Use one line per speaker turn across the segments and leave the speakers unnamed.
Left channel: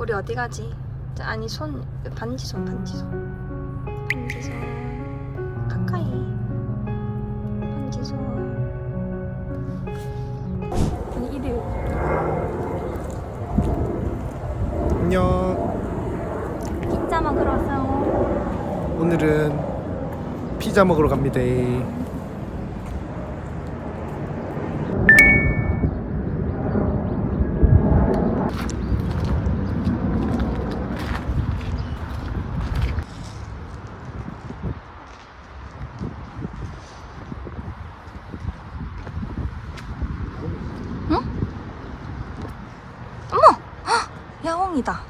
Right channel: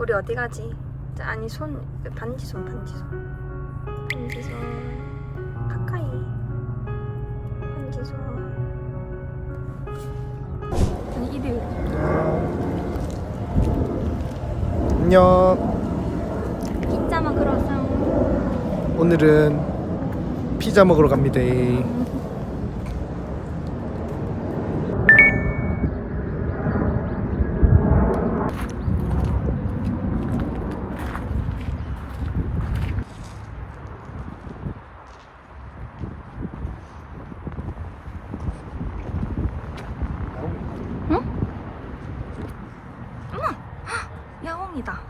우리 어디 가지? 자, 아니 손 반지 손 반지 손. 반지 손. 가까이. 반지 손. 아니 이들.
안녕.
피자 먹으러 왔어요.
오늘은 피자 먹으러 갑니다.
야옹이다.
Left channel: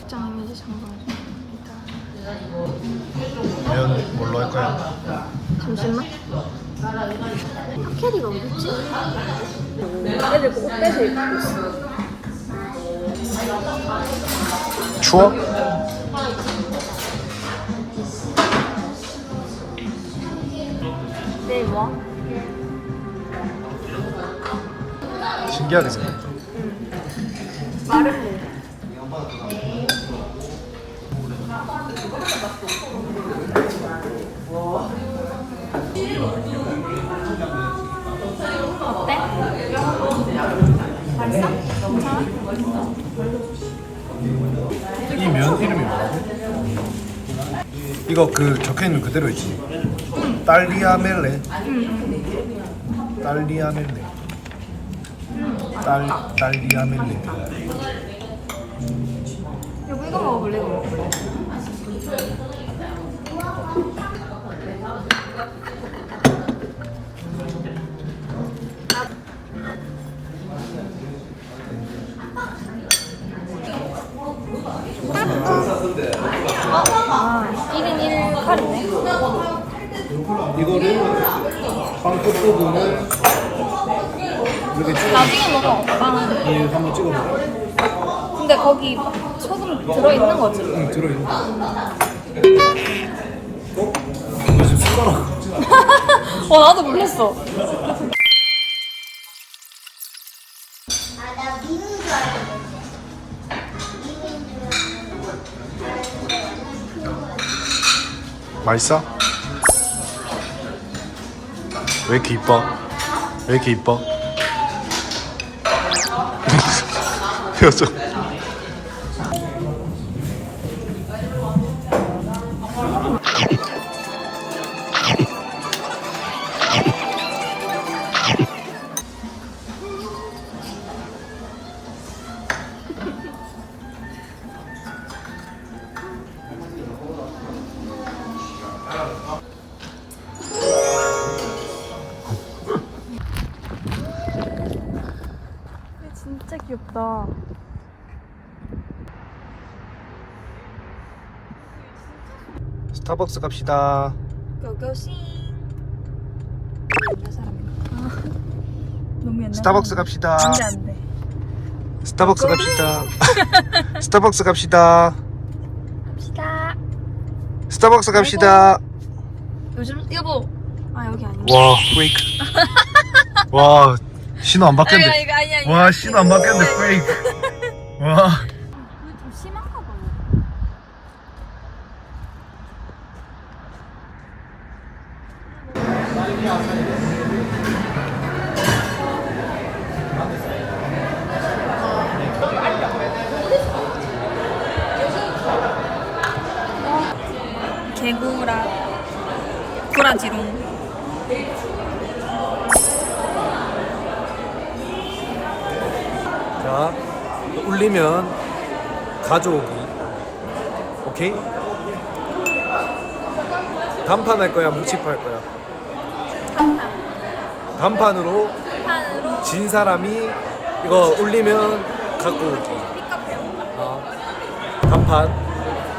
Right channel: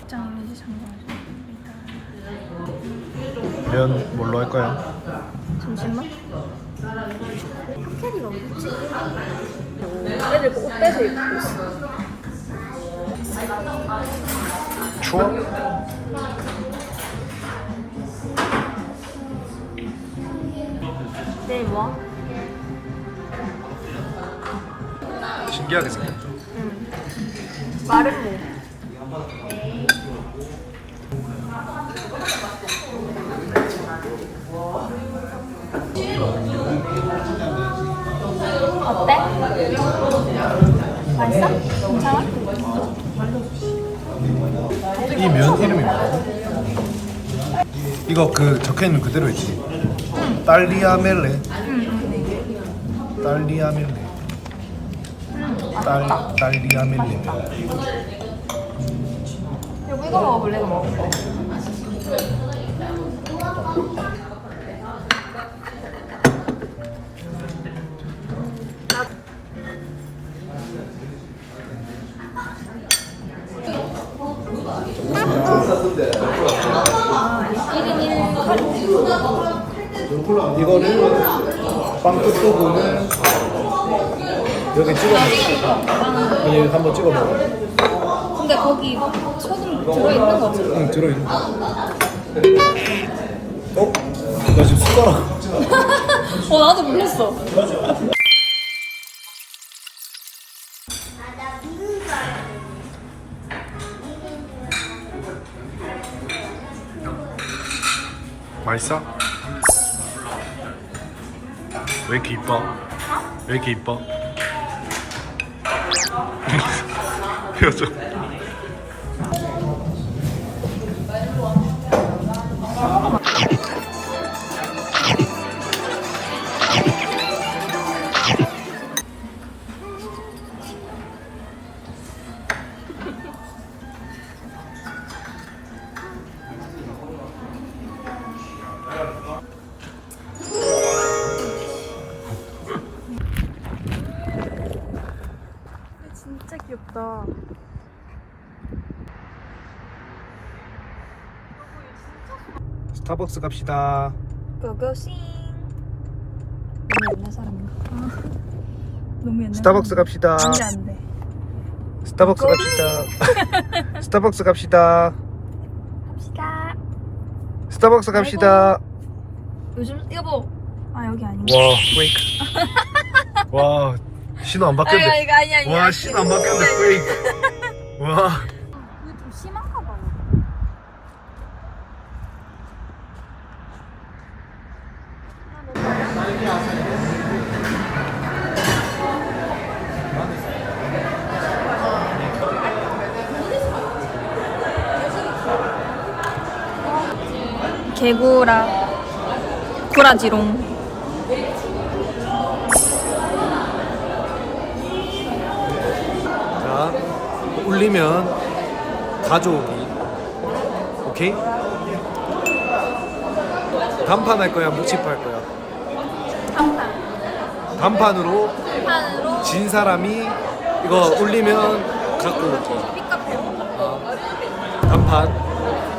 입장은 이제 성공입니다.
면 뭘로 할 거야?
잠시만. 캐리가 어딨지? 애들 옷 빼서 입고 있어.
추워?
내일 뭐?
신기하게 생겼다.
응. 마른 뭐? 어때? 맛있어? 괜찮아?
이 면 이름이 뭐라고? 이거 그 적혀 있는 그대로 있지. 딸리아멜레. 딸리아멜레. 딸 딸리아멜레 면.
이거 먹을래? 이거 먹을래?
이거를 빵끝 부분을 여기 찍어 먹어. 여기 한번 찍어 먹어.
근데 거기 소금 들어있는 거지?
응 들어있는. 어? 나 지금 숟가락.
와 나도 몰랐어
맛있어? 왜 이렇게 이뻐? 왜 이렇게 이뻐? 표정.
진짜 귀엽다
스타벅스 갑시다.
고고싱 옛날 사람인가? 너무 옛날
스타벅스 갑시다.
안돼 안돼
스타벅스 갑시다. 스타벅스 갑시다.
갑시다
스타벅스 갑시다.
요즘 여보 아 여기 아닌가?
와, 브레이크. 와, 신호 안 바뀌었는데. 와, 신호 안 바뀌었는데 브레이크. 와.
개구라 구라지롱
자, 울리면 가져오기. 오케이? 단판 할 거야, 묵치파 할 거야?
한판
단판으로
판으로
진 사람이 이거 울리면 갖고 오기. 아, 단판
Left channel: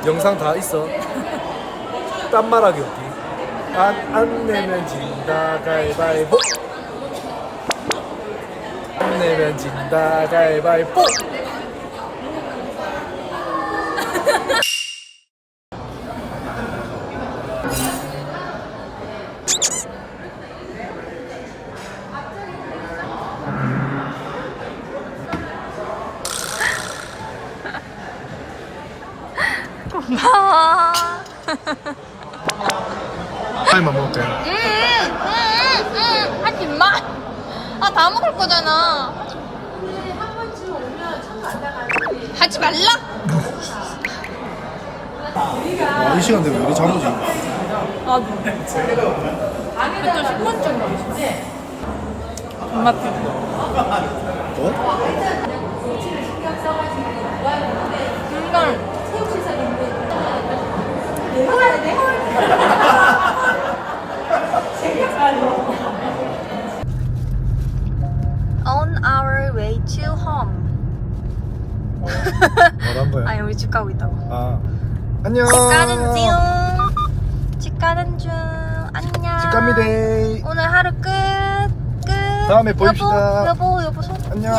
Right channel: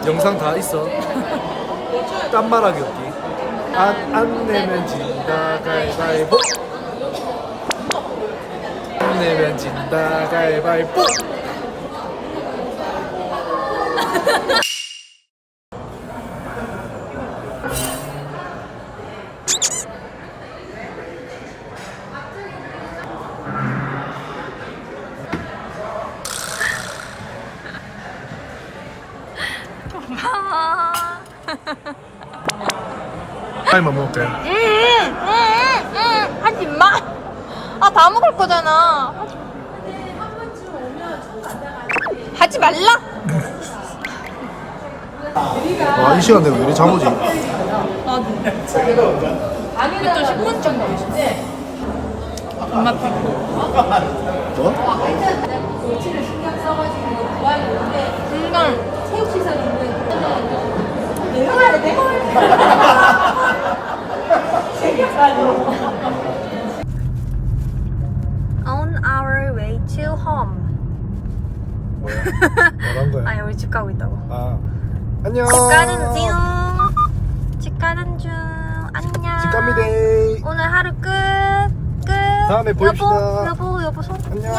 영상 다 있어. 딴 말하기 없기. 안, 안 내면 진다 가위바위보. 안 내면 진다 가위바위보.
고마워.
타임만 먹을게요.
하지 마. 아, 다 먹을 거잖아. 하지 말라.
아, 이 시간대로 왜 이리 잠오지?
나도. 그때 10번쯤 나왔어. 엄마 피.
뭐?
이걸.
거야.
아니 우리 집 가고 있다고.
아, 안녕.
집 가는 중. 집 가는 중. 안녕.
집 갑니다.
오늘 하루 끝. 끝.
다음에 봅시다.
여보, 여보, 여보 손.
안녕.